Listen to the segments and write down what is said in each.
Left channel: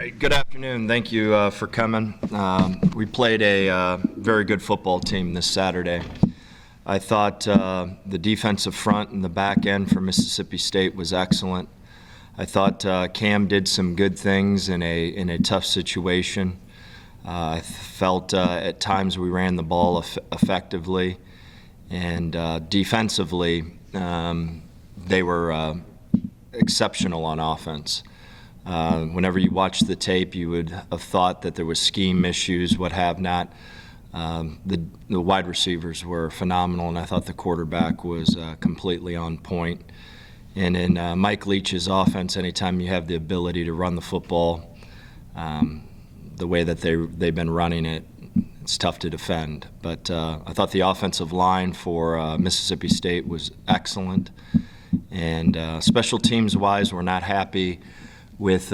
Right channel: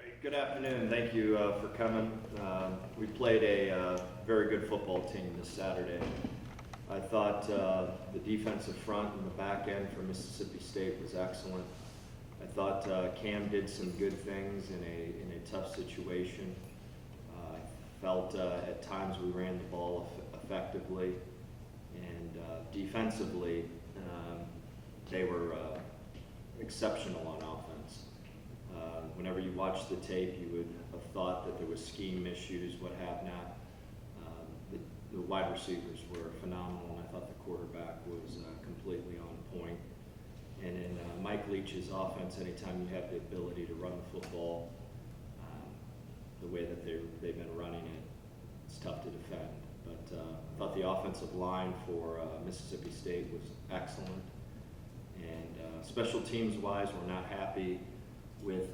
right, good afternoon. Thank you for coming. We played a very good football team this Saturday. I thought the defensive front and the back end for Mississippi State was excellent. I thought Cam did some good things in a tough situation. I felt at times we ran the ball effectively, and defensively they were exceptional on offense. Whenever you watch the tape, you would have thought that there was scheme issues, what have not. The wide receivers were phenomenal, and I thought the quarterback was completely on point. And in Mike Leach's offense, anytime you have the ability to run the football the way that they've been running it, it's tough to defend. But I thought the offensive line for Mississippi State was excellent. And special teams-wise, we're not happy with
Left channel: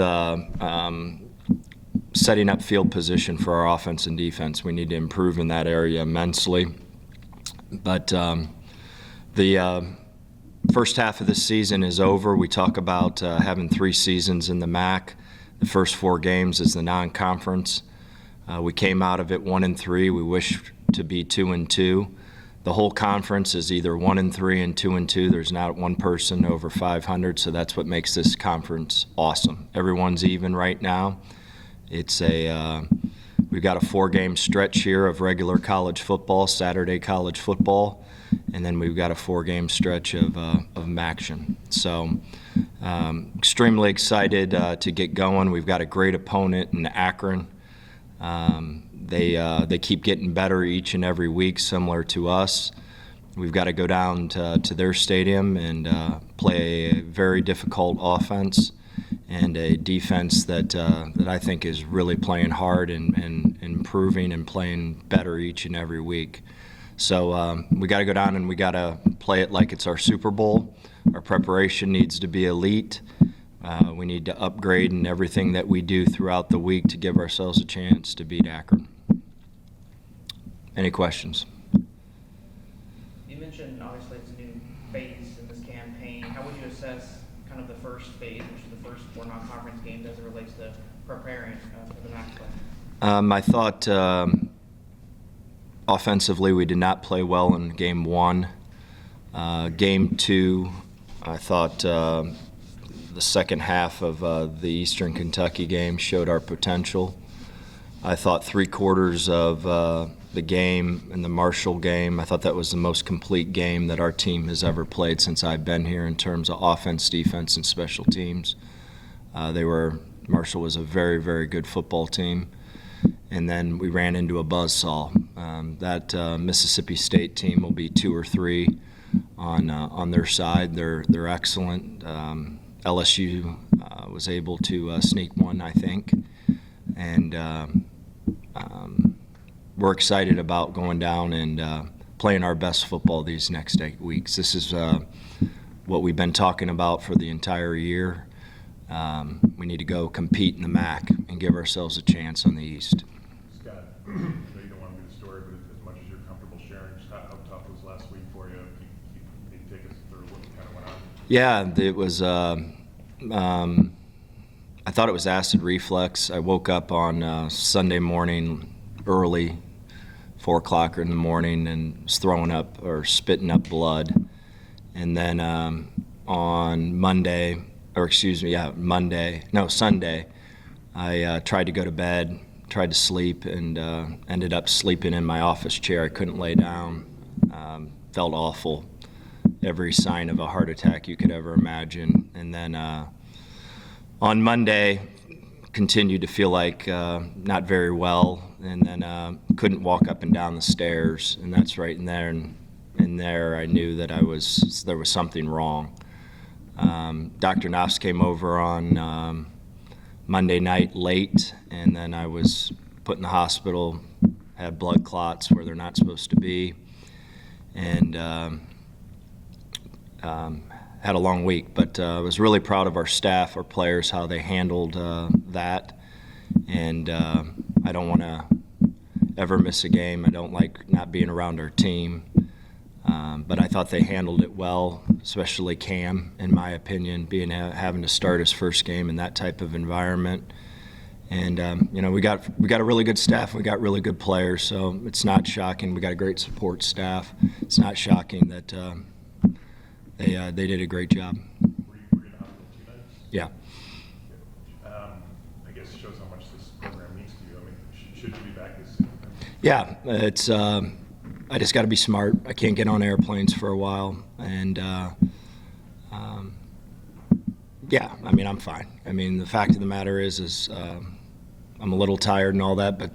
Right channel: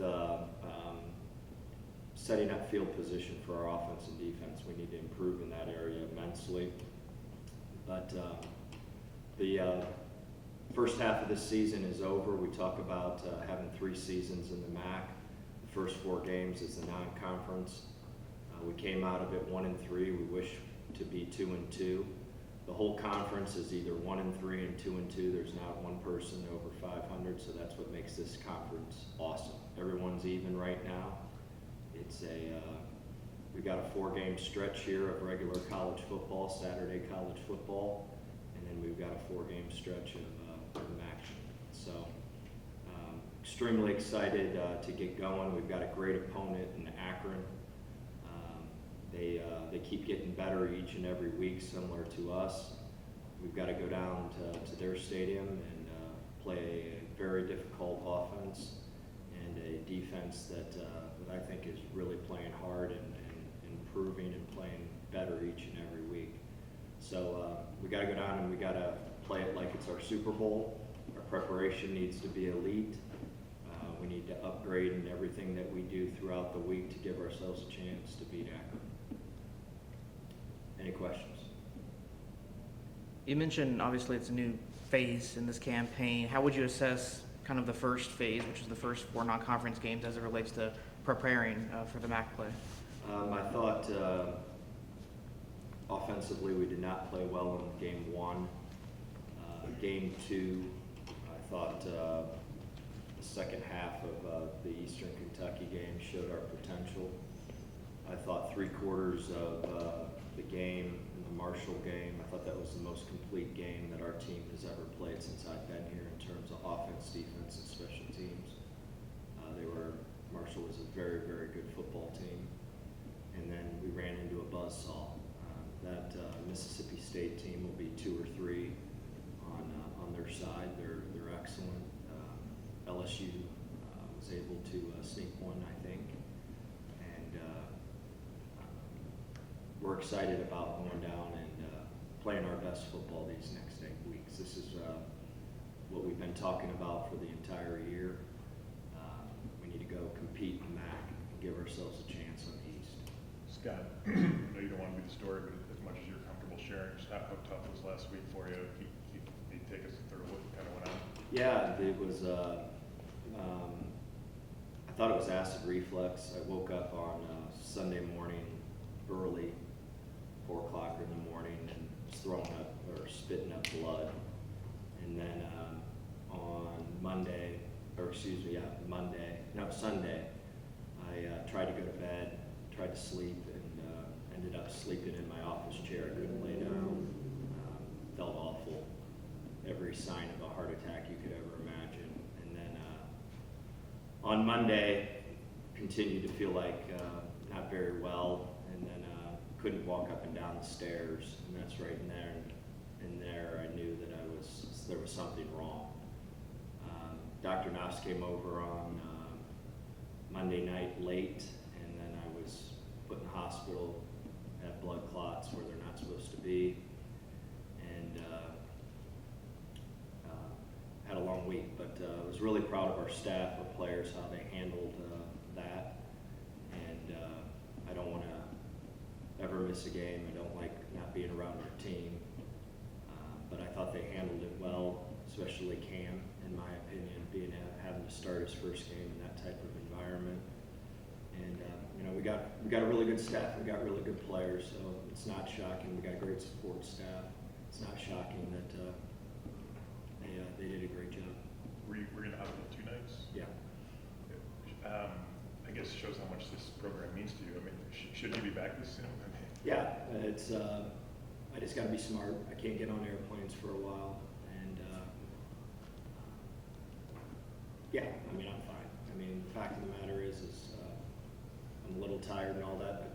setting up field position for our offense and defense. We need to improve in that area immensely. But the first half of the season is over. We talk about having 3 seasons in the MAC. The first 4 games is the non-conference. We came out of it 1-3. We wish to be 2-2. The whole conference is either 1-3 and 2-2. There's not one person over 500, so that's what makes this conference awesome. Everyone's even right now. It's we've got a 4-game stretch here of regular college football, Saturday college football, and then we've got a 4-game stretch of action. So extremely excited to get going. We've got a great opponent in Akron. They keep getting better each and every week, similar to us. We've got to go down to their stadium and play a very difficult offense and a defense that I think is really playing hard and improving and playing better each and every week. So we got to go down and we got to play it like it's our Super Bowl. Our preparation needs to be elite. We need to upgrade in everything that we do throughout the week to give ourselves a chance to beat Akron. Any questions? You mentioned, obviously, it's a new phase in this campaign. How would you assess kind of the first phase, which is the first 4 non-conference games, as it relates to preparing for the MAC play? I thought offensively we did not play well in Game 1. Game 2, I thought the second half of the Eastern Kentucky game showed our potential. I thought 3 quarters of the game in the Marshall game, I thought that was the most complete game that our team has ever played since I've been here in terms of offense, defense, and special teams. Marshall was a very, very good football team. And then we ran into a buzzsaw. That Mississippi State team will be 2 or 3 on their side. They're excellent. LSU was able to sneak one, I think. And we're excited about going down and playing our best football these next 8 weeks. This is what we've been talking about for the entire year. We need to go compete in the MAC and give ourselves a chance on the East. Scott, I know you don't want to be the story, but as much as you're comfortable sharing, just how tough was last week for you? Can you take us through what kind of went on? Yeah, it was. I thought it was acid reflux. I woke up on Sunday morning early, 4 o'clock in the morning, and was throwing up or spitting up blood. And then on Sunday, I tried to go to bed, tried to sleep, and ended up sleeping in my office chair. I couldn't lay down. Felt awful. Every sign of a heart attack you could ever imagine. And then on Monday, continued to feel like not very well, and then couldn't walk up and down the stairs. And that's right in there. And there I knew that there was something wrong. Dr. Knopf came over on Monday night late, and then I was put in the hospital, had blood clots where they're not supposed to be, and had a long week. But I was really proud of our staff, our players, how they handled that. And I don't want to ever miss a game. I don't like not being around our team. But I thought they handled it well, especially Cam, in my opinion, having to start his first game in that type of environment. And we got a really good staff. We got really good players, so it's not shocking. We got a great support staff. It's not shocking that they did a great job. Were you in the hospital 2 nights? Yeah. I guess it shows how much this program means to you. I mean, should you be back this soon? Yeah, it's. I just got to be smart. I can't get on airplanes for a while, and yeah, I mean, I'm fine. I mean, the fact of the matter is I'm a little tired and all that, but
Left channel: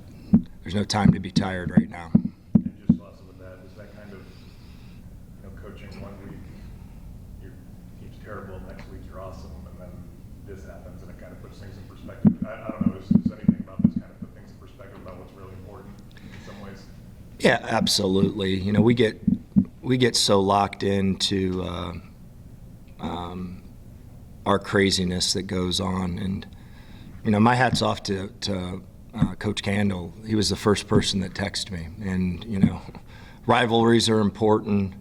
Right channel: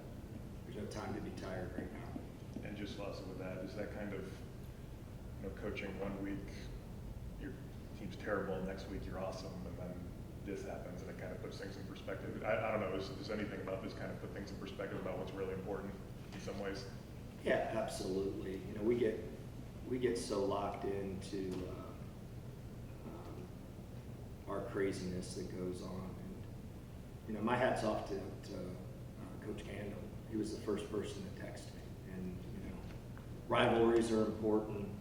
there's no time to be tired right now. And just also with that, is that kind of, coaching 1 week, your team's terrible, next week you're awesome, and then this happens, and it kind of puts things in perspective. I don't know, is anything about this kind of put things in perspective about what's really important in some ways? Yeah, absolutely. We get so locked into our craziness that goes on, and my hat's off to Coach Candle. He was the first person that texted me, and rivalries are important.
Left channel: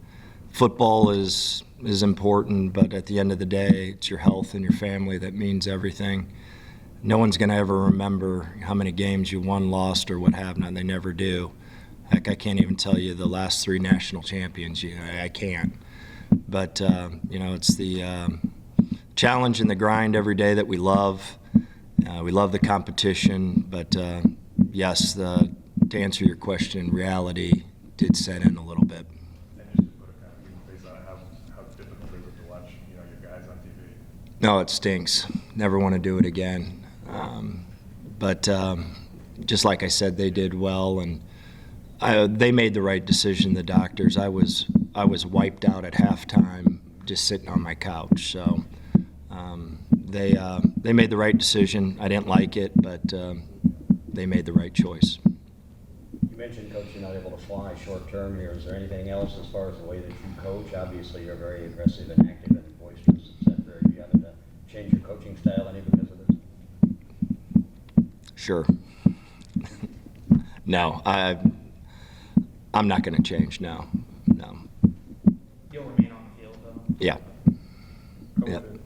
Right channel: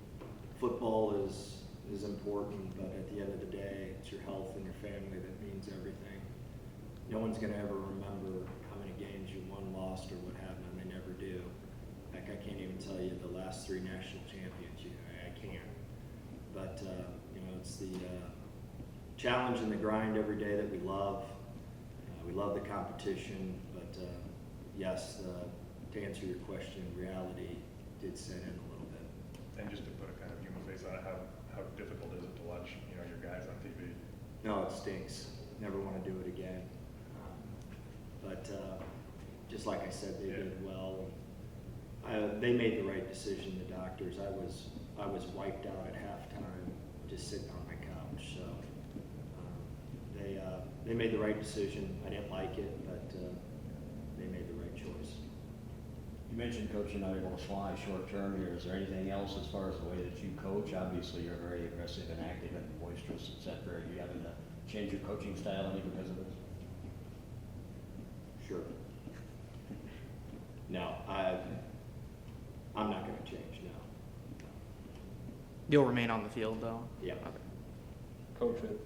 Football is important, but at the end of the day, it's your health and your family that means everything. No one's going to ever remember how many games you won, lost, or what have not. They never do. Heck, I can't even tell you the last 3 national champions. I can't. But it's the challenge and the grind every day that we love. We love the competition, but yes, to answer your question, reality did set in a little bit. And just to put a kind of human face on it, how difficult is it to watch, your guys on TV? No, it stinks. Never want to do it again. But just like I said, they did well, and they made the right decision. The doctors. I was wiped out at halftime, just sitting on my couch. So they made the right decision. I didn't like it, but they made the right choice. You mentioned, Coach, you're not able to fly short term here. Is there anything else as far as the way that you coach? Obviously, you're very aggressive and active and boisterous, etc. Are you having to change your coaching style any because of this? Sure. No, I'm not going to change. No. You'll remain on the field, though? Yeah. Coach, Yep. with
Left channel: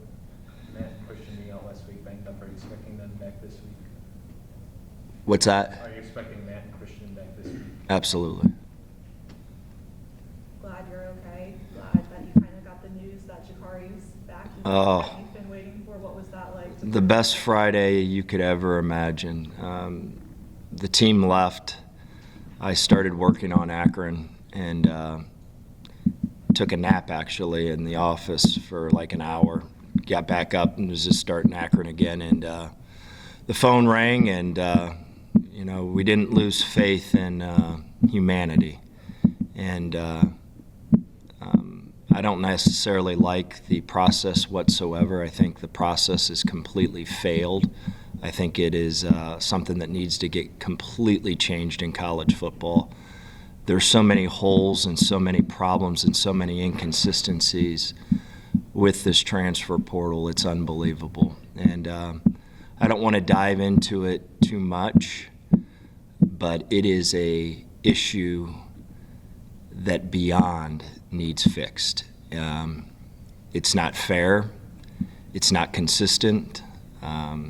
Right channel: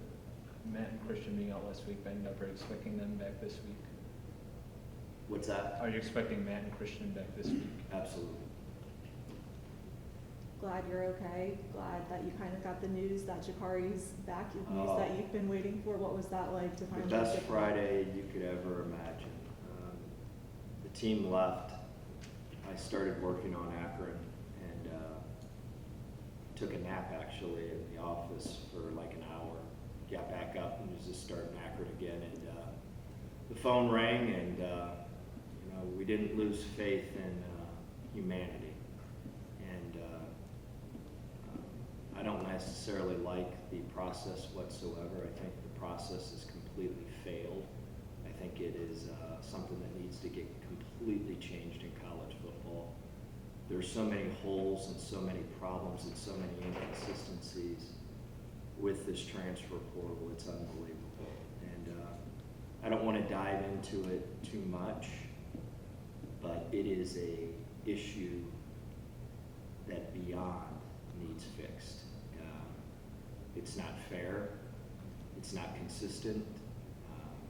Matt and Christian being out last week, banged up, are you expecting them back this week? What's that? Are you expecting Matt and Christian back this week? Absolutely. Glad you're okay. Glad that you finally got the news that Jakari's back. Oh. That you've been waiting for. What was that like? The best Friday you could ever imagine. The team left. I started working on Akron and took a nap actually in the office for like an hour. Got back up and was just starting Akron again, and the phone rang, and we didn't lose faith in humanity. And I don't necessarily like the process whatsoever. I think the process is completely failed. I think it is something that needs to get completely changed in college football. There's so many holes and so many problems and so many inconsistencies with this transfer portal. It's unbelievable. And I don't want to dive into it too much, but it is a issue that beyond needs fixed. It's not fair. It's not consistent.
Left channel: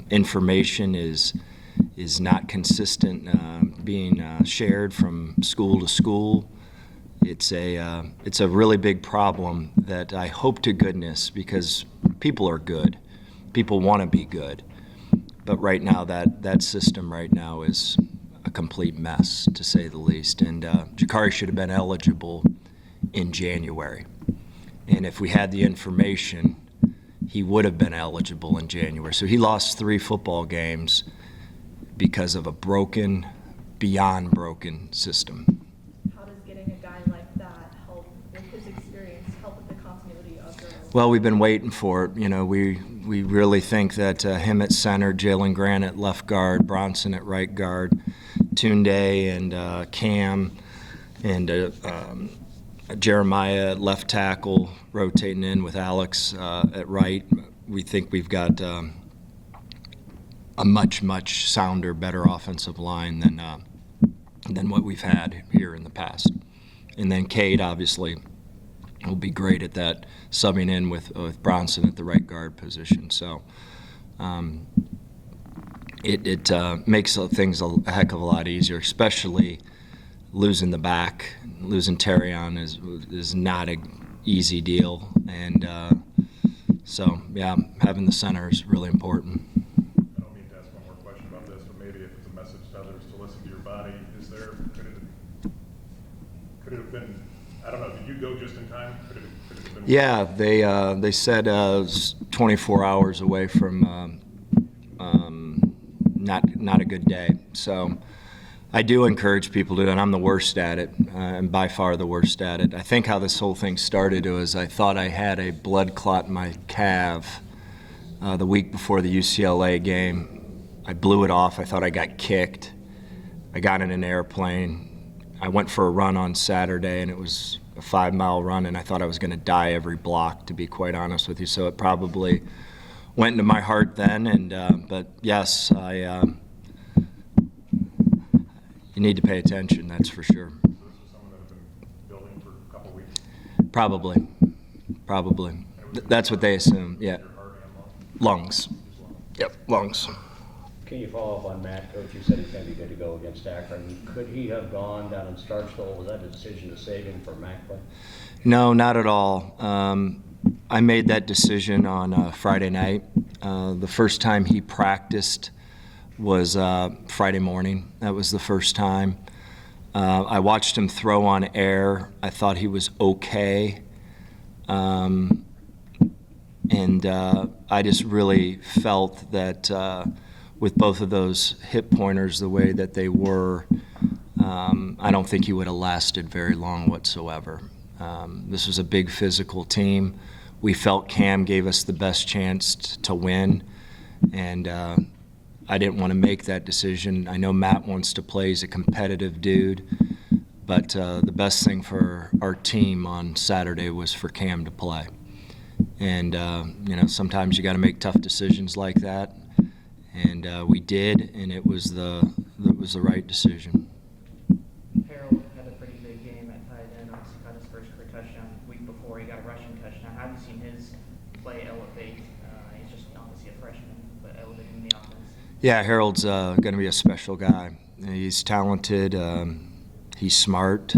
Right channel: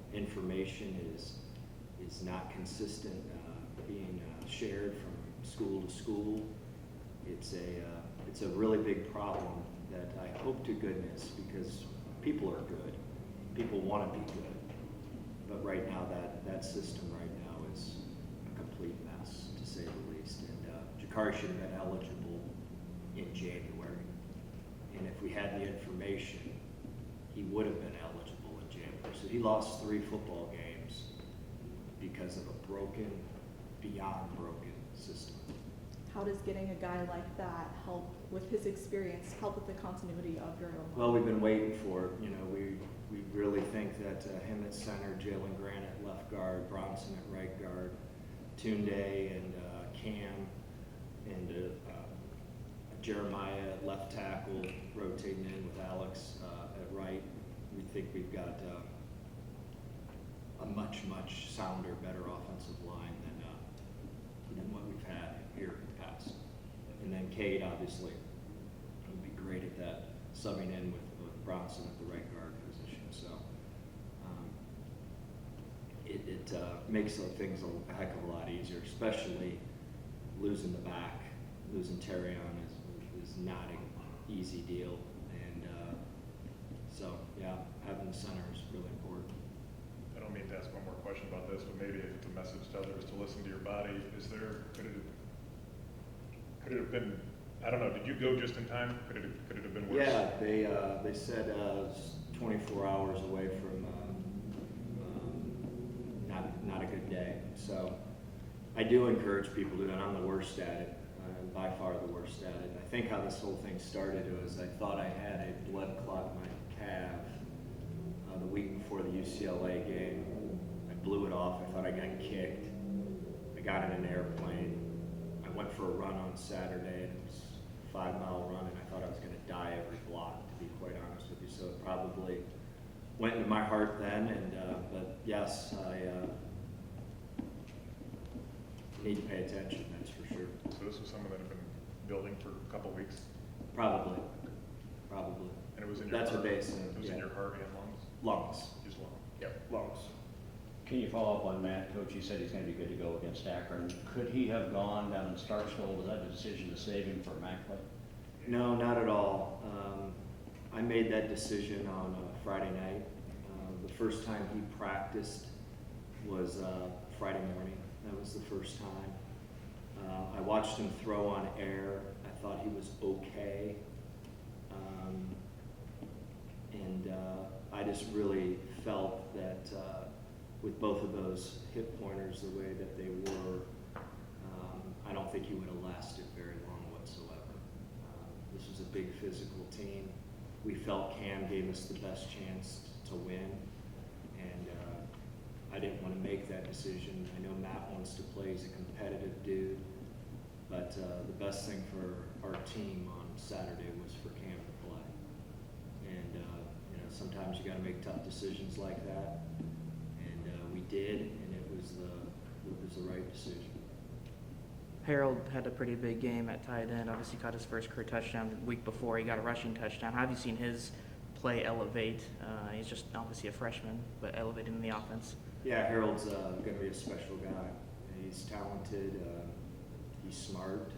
Information is not consistent being shared from school to school. It's a really big problem that I hope to goodness, because people are good. People want to be good. But right now, that system right now is a complete mess, to say the least. And Jakari should have been eligible in January. And if we had the information, he would have been eligible in January. So he lost 3 football games because of a broken, beyond broken system. How does getting a guy like that help with his experience, help with the continuity of your? Well, we've been waiting for it. We really think that him at center, Jalen Grant at left guard, Bronson at right guard, Tunde and Cam and Jeremiah at left tackle, rotating in with Alex at right. We think we've got a much, much sounder, better offensive line than what we've had here in the past. And then Cade, obviously, will be great at that, subbing in with Bronson at the right guard position. So it makes things a heck of a lot easier, especially losing the back. Losing Terrion is not an easy deal, and so yeah, having the center is really important. I don't mean to ask one more question about this, but maybe if it's a message to others to listen to your body, could it have been, I don't know, did you go just in time? Could it have been? Yeah, they said it was 24 hours away from not a good day. So I do encourage people to do it, and I'm the worst at it, and by far the worst at it. I think how this whole thing started was I thought I had a blood clot in my calf the week before the UCLA game. I blew it off. I thought I got kicked. I got in an airplane. I went for a run on Saturday, and it was a 5-mile run, and I thought I was going to die every block, to be quite honest with you. So it probably went into my heart then, and but yes, you need to pay attention, that's for sure. So this was someone that had been building for a couple weeks? Probably. And it was in That's your what they heart? assume, In yeah. your heart and Lungs. Just lungs? Yep, lungs. Can you follow up on Matt? Coach, you said he's going to be good to go against Akron. Could he have gone down in Starkville? Was that a decision to save him for MAC play? No, not at all. I made that decision on Friday night. The first time he practiced was Friday morning. That was the first time. I watched him throw on air. I thought he was okay. And I just really felt that with both of those hip pointers the way that they were, I don't think he would have lasted very long whatsoever. This was a big physical team. We felt Cam gave us the best chance to win, and I didn't want to make that decision. I know Matt wants to play. He's a competitive dude, but the best thing for our team on Saturday was for Cam to play. And sometimes you got to make tough decisions like that, and we did, and it was the right decision. Harold had a pretty big game at tight end. Obviously, got his first career touchdown the week before. He got a rushing touchdown. How have you seen his play elevate? He's just obviously a freshman, but elevating in the offense. Yeah, Harold's going to be a special guy. He's talented. He's smart.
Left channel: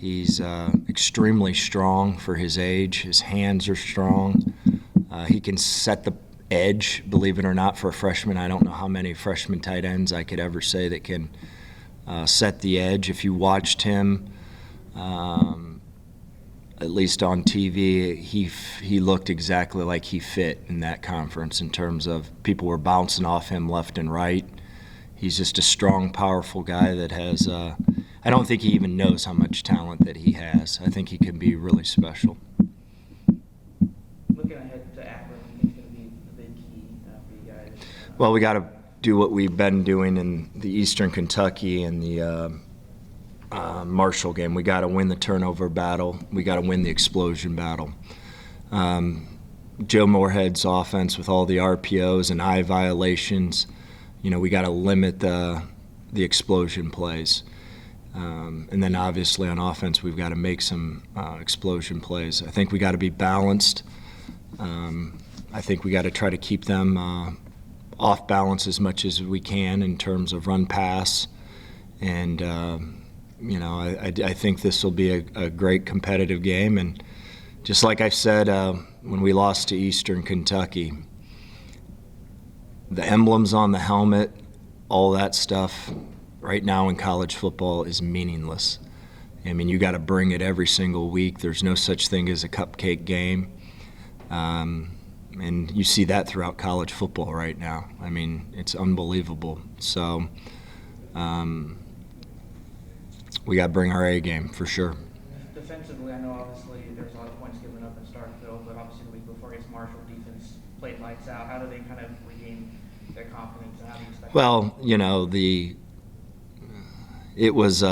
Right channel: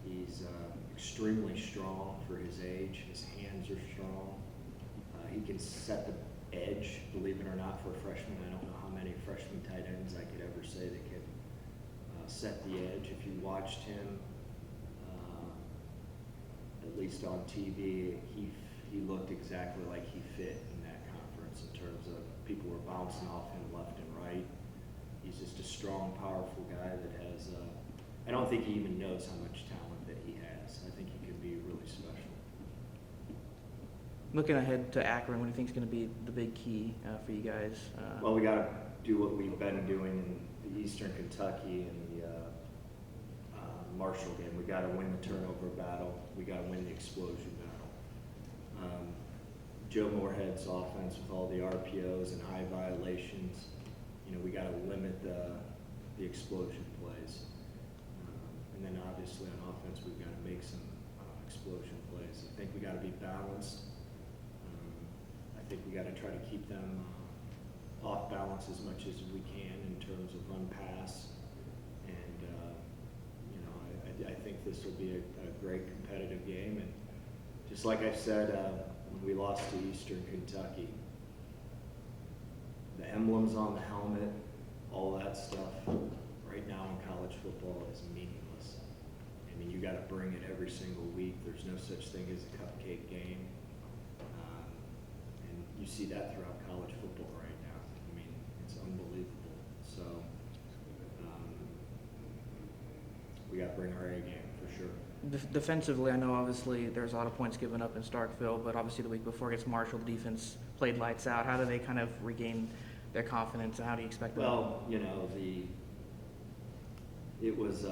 He's extremely strong for his age. His hands are strong. He can set the edge, believe it or not, for a freshman. I don't know how many freshman tight ends I could ever say that can set the edge. If you watched him, at least on TV, he looked exactly like he fit in that conference in terms of people were bouncing off him left and right. He's just a strong, powerful guy that has I don't think he even knows how much talent that he has. I think he can be really special. Looking ahead to Akron, what do you think is going to be the big key for you guys? Well, we got to do what we've been doing in the Eastern Kentucky and the Marshall game. We got to win the turnover battle. We got to win the explosion battle. Joe Moorhead's offense with all the RPOs and eye violations, we got to limit the explosion plays. And then obviously on offense, we've got to make some explosion plays. I think we got to be balanced. I think we got to try to keep them off balance as much as we can in terms of run pass. And, I think this will be a great competitive game. And just like I said when we lost to Eastern Kentucky, the emblems on the helmet, all that stuff, right now in college football is meaningless. I mean, you got to bring it every single week. There's no such thing as a cupcake game. And you see that throughout college football right now. I mean, it's unbelievable. So we got to bring our A game for sure. Defensively, I know obviously there's a lot of points given up in Starkville, but obviously the week before against Marshall, defense played lights out. How do they kind of regain their confidence, and how do you expect? Well, it was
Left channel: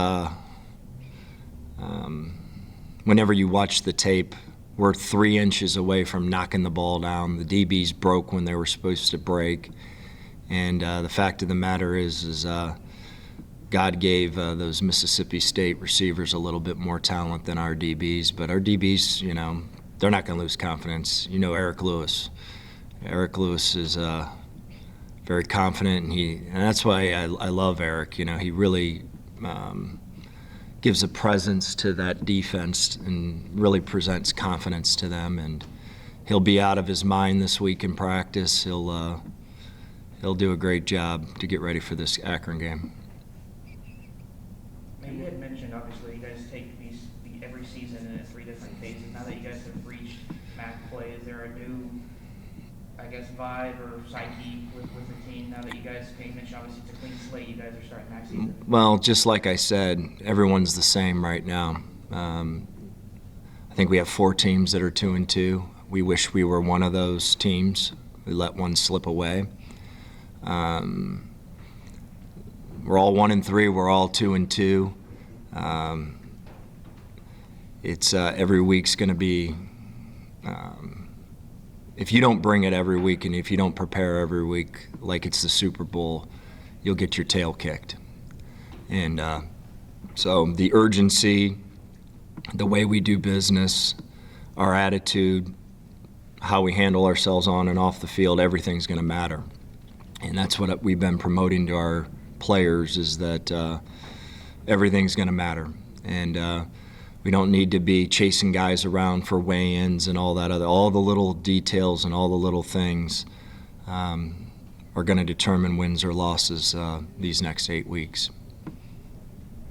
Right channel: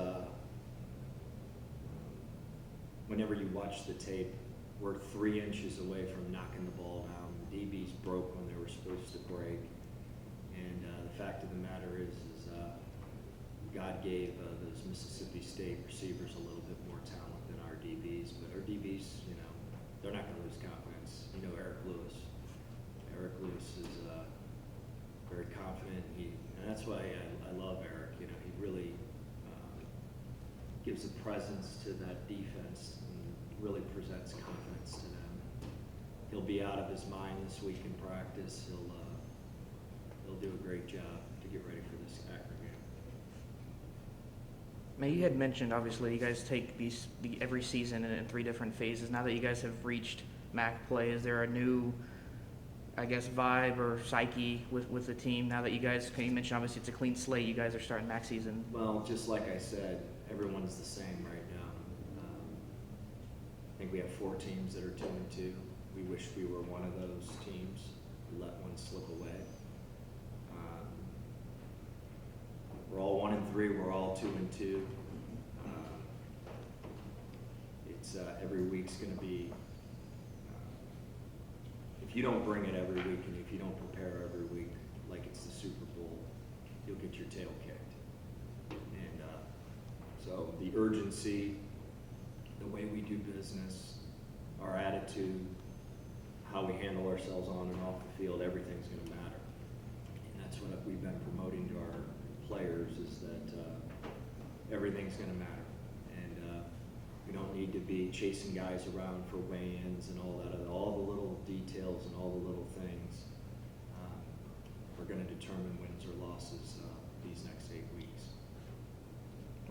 whenever you watch the tape, we're 3 inches away from knocking the ball down. The DBs broke when they were supposed to break, and the fact of the matter is God gave those Mississippi State receivers a little bit more talent than our DBs, but our DBs, they're not going to lose confidence. Eric Lewis. Eric Lewis is very confident, and that's why I love Eric. You know, he really gives a presence to that defense and really presents confidence to them. And he'll be out of his mind this week in practice. He'll do a great job to get ready for this Akron game. Now, you had mentioned, obviously, you guys take every season in 3 different phases. Now that you guys have reached MAC play, is there a new, I guess, vibe or psyche with the team now that you guys, you mentioned obviously it's a clean slate, you guys are starting MAC season? Well, just like I said, everyone's the same right now. I think we have 4 teams that are 2-2. We wish we were one of those teams. We let one slip away. We're all 1-3. We're all 2-2. It's every week's going to be. If you don't bring it every week, and if you don't prepare every week like it's the Super Bowl, you'll get your tail kicked. And so the urgency, the way we do business, our attitude, how we handle ourselves on and off the field, everything's going to matter. And that's what we've been promoting to our players, is that everything's going to matter. And we don't need to be chasing guys around for weigh-ins and all that all the little details and all the little things are going to determine wins or losses these next 8 weeks.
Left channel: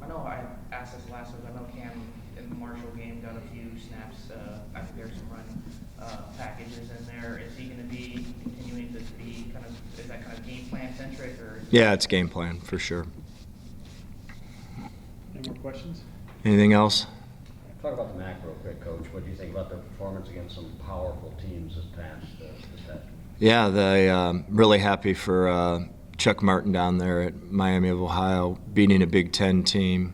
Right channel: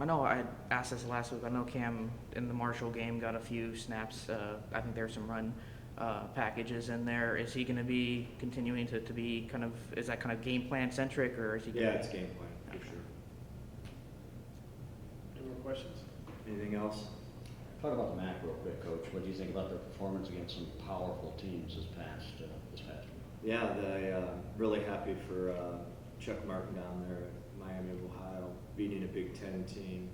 I know I asked this last week. I know Cam in the Marshall game got a few snaps. I think there's some run packages in there. Is he going to be continuing to be kind of, is that kind of game plan centric, or? Yeah, it's game plan for sure. Any more questions? Anything else? Talk about the MAC real quick, Coach. What do you think about their performance against some powerful teams this past week? Yeah, really happy for Chuck Martin down there at Miami of Ohio, beating a Big Ten team.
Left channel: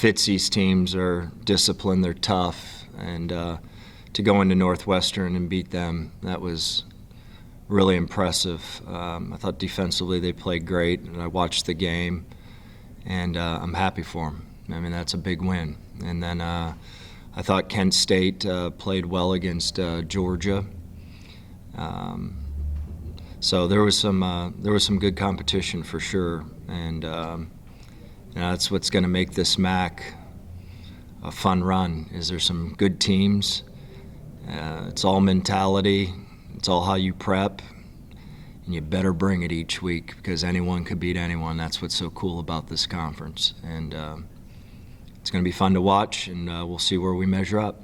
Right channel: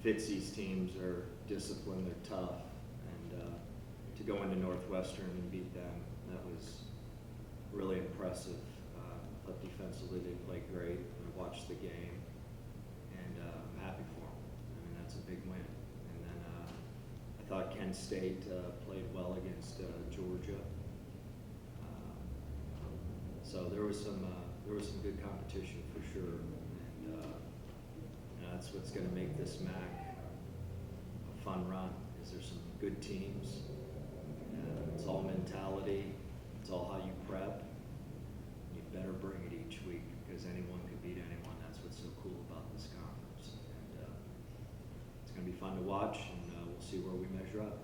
Fitzy's teams are disciplined, they're tough, and to go into Northwestern and beat them, that was really impressive. I thought defensively they played great, and I watched the game, and I'm happy for them. I mean, that's a big win. And then I thought Kent State played well against Georgia. So there was some good competition for sure, and that's what's going to make this MAC a fun run. Is there some good teams? It's all mentality. It's all how you prep, and you better bring it each week, because anyone could beat anyone. That's what's so cool about this conference, and it's going to be fun to watch, and we'll see where we measure up.